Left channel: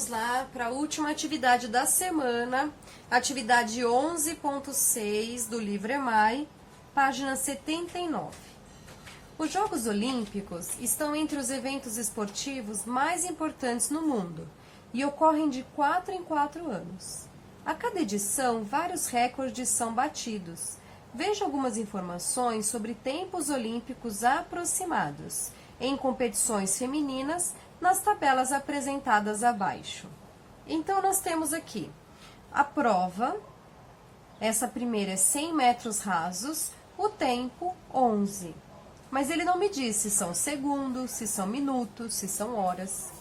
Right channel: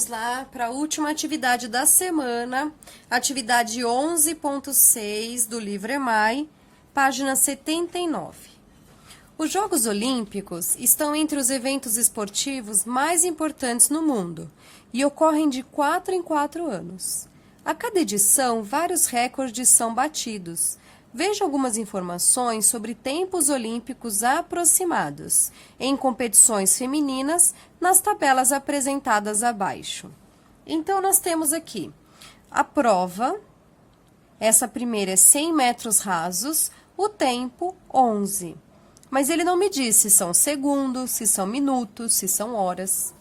vamos lá para a última atividade da semana, atividade 11.6 do livro EMAI, página 79. Os Jogos Olímpicos estão entre os eventos esportivos mais importantes no mundo e ocorrem de 4 em 4 anos. A cada edição, vários recordes são batidos. Veja algumas informações sobre tempos olímpicos aproximados em competições femininas nas tabelas apresentadas abaixo. Então, nós temos aqui a prova, essa primeira é 100 metros rasos, o tempo 11. Mas ele não me diz se são segundos, se são minutos, se são horas.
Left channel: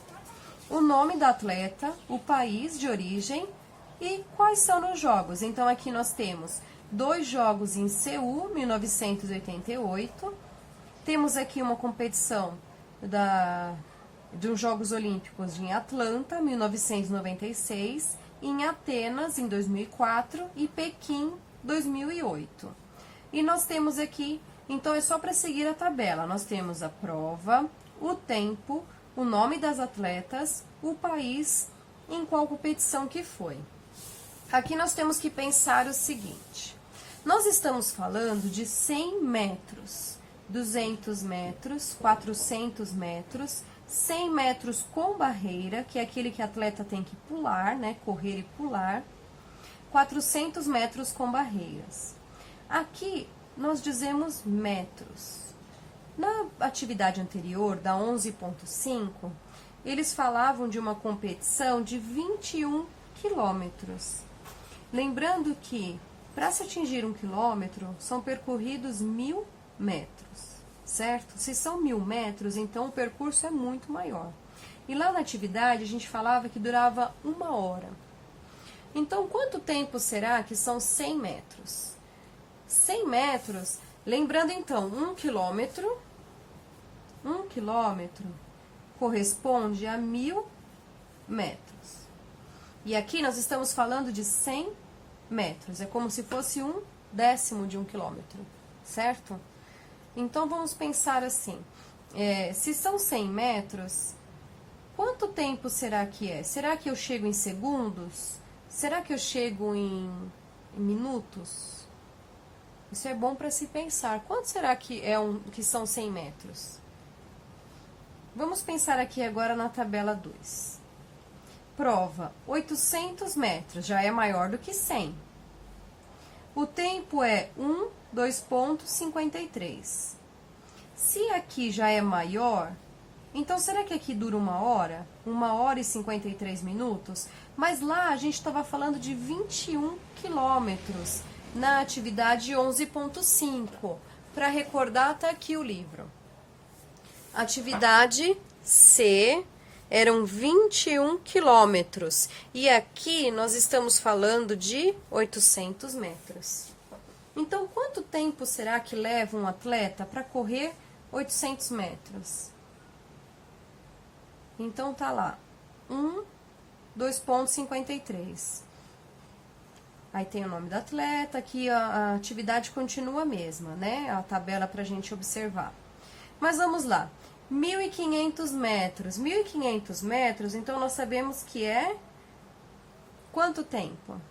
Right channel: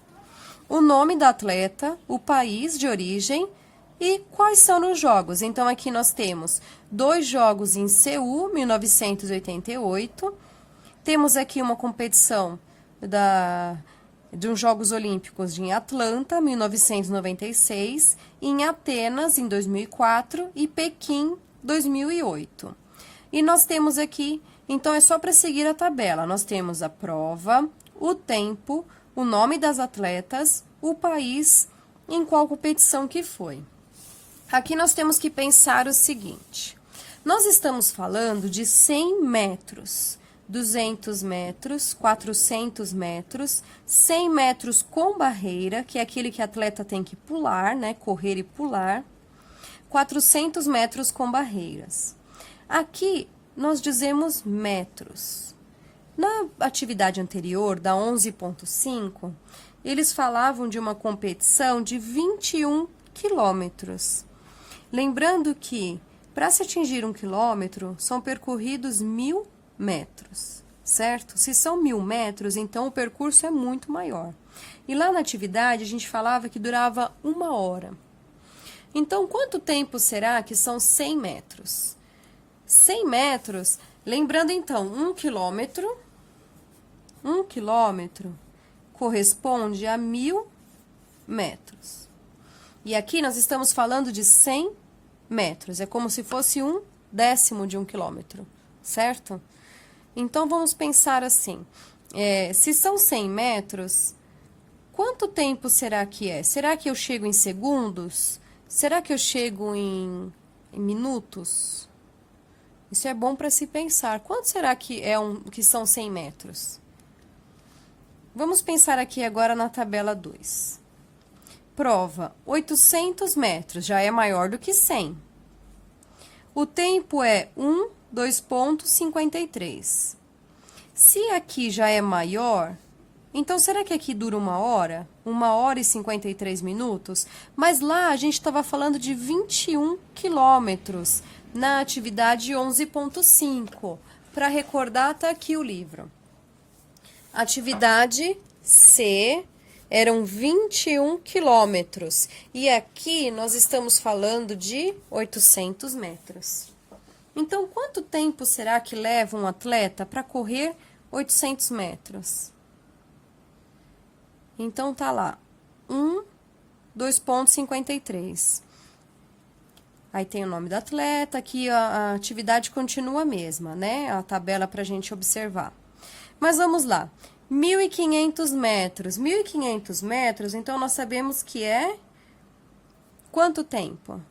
O nome da atleta, o país de origem e quais são os jogos. Então, aqui nós temos 2 jogos em Seul, 1988. Temos aqui uma competição dos Jogos Olímpicos em Atlanta, 1996, em Atenas, em 2004 e Pequim, 2008. E nós temos aqui, então é só para seguir a tabela, nós temos a prova, o tempo, o nome das atletas, o país, em qual competição que foi. Aqui nós temos que pensar o seguinte, nós estamos falando de 100 metros, 200 metros, 400 metros, 100 metros com barreira, que é aquele que a atleta tem que pular, né, correr e pular, 400 metros com barreiras. Aqui nós dizemos metros. Na atividade anterior, da 11.5, eles falavam de uma competição de 21 quilômetros. Lembrando que, para se atingir 1 quilômetro, são percorridos 1000 metros, certo? Se são 1000 metros, então o percurso é muito maior. E lá na atividade, a gente falava que durava 1 hora. Então, quanto tempo será que são 100 metros? 100 metros, lembrando então, 1 quilômetro corresponde a 1000 metros. E aqui nós estamos falando de 100 metros, é como se fosse 1/10 de 1 quilômetro, certo? Então, vamos pensar assim, se são 100 metros, quanto tempo será que é? Será que eu chego em segundos? Será que eu chego em minutos? Isso é bom para se pensar. Quanto será que que são 100 metros? Vamos pensar aqui agora na tabela 2. Prova, 800 metros, já é maior do que 100. O tempo é 2,53. Se aqui já é maior, então será que aqui dura 1 hora? 1 hora e 53 minutos? Mas lá a gente estava falando de 21 quilômetros na atividade 11.5. Para recordar, tá aqui o livro. Atividade C eram 21 quilômetros. E aqui nós estamos falando de 800 metros. Então, quanto tempo será que leva um atleta para correr 800 metros? Então, tá lá, 2,53. Aí tem o nome do atleta, aqui a atividade continua a mesma, né? A tabela para a gente observar. Mas vamos lá. 1.500 metros. 1.500 metros, então nós sabemos que é quanto tempo?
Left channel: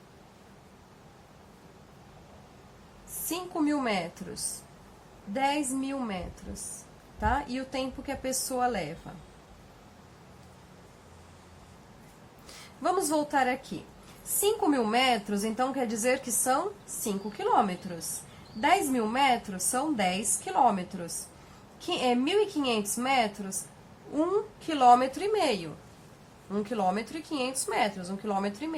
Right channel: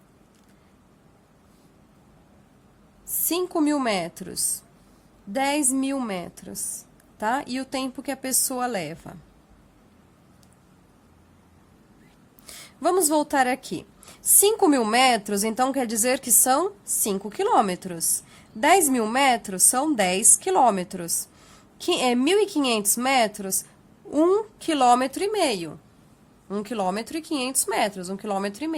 5.000 metros. 10.000 metros, tá? E o tempo que a pessoa leva. Vamos voltar aqui. 5.000 metros, então, quer dizer que são 5 quilômetros. 10.000 metros são 10 quilômetros. 1.500 metros, 1,5 quilômetro. 1,5 quilômetro, 1,5 quilômetro.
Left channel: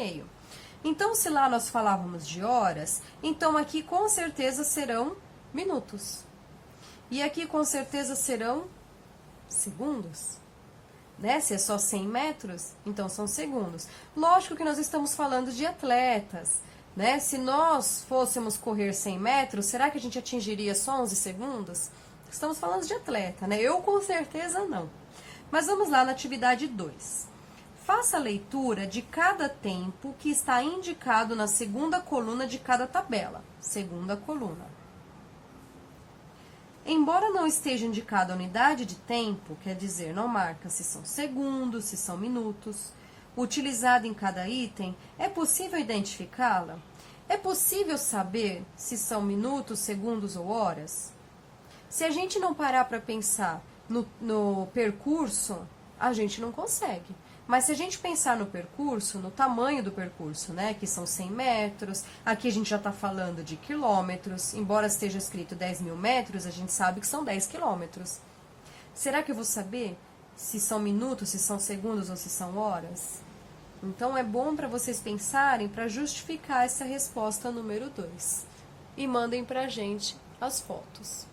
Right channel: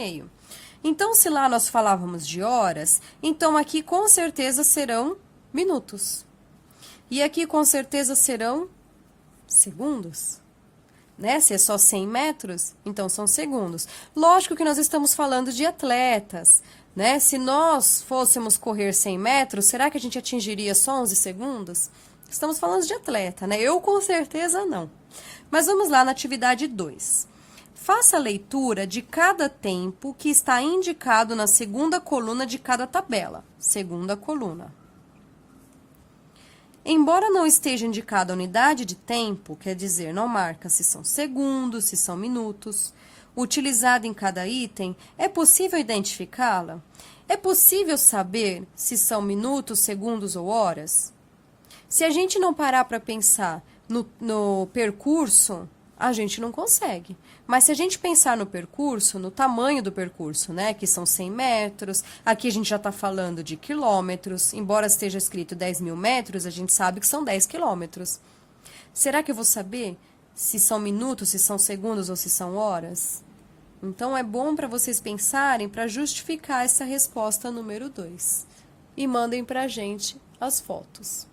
Então, se lá nós falávamos de horas, então aqui com certeza serão minutos. E aqui com certeza serão segundos. Né? Se é só 100 metros, então são segundos. Lógico que nós estamos falando de atletas, né? Se nós fôssemos correr 100 metros, será que a gente atingiria só 11 segundos? Estamos falando de atleta, né? Eu com certeza não. Mas vamos lá na atividade 2. Faça a leitura de cada tempo que está indicado na segunda coluna de cada tabela. Segunda coluna. Embora não esteja indicada a unidade de tempo, quer dizer, não marca se são segundos, se são minutos, utilizada em cada item, é possível identificá-la? É possível saber se são minutos, segundos ou horas? Se a gente não parar para pensar no percurso, a gente não consegue. Mas se a gente pensar no percurso, no tamanho do percurso, né, que são 100 metros, aqui a gente já está falando de quilômetros, embora esteja escrito 10.000 metros, a gente sabe que são 10 quilômetros. Será que eu vou saber se são minutos, se são segundos ou se são horas? Então, é bom para vocês pensarem para justificar essa resposta número 2. E mandem para a gente as fotos.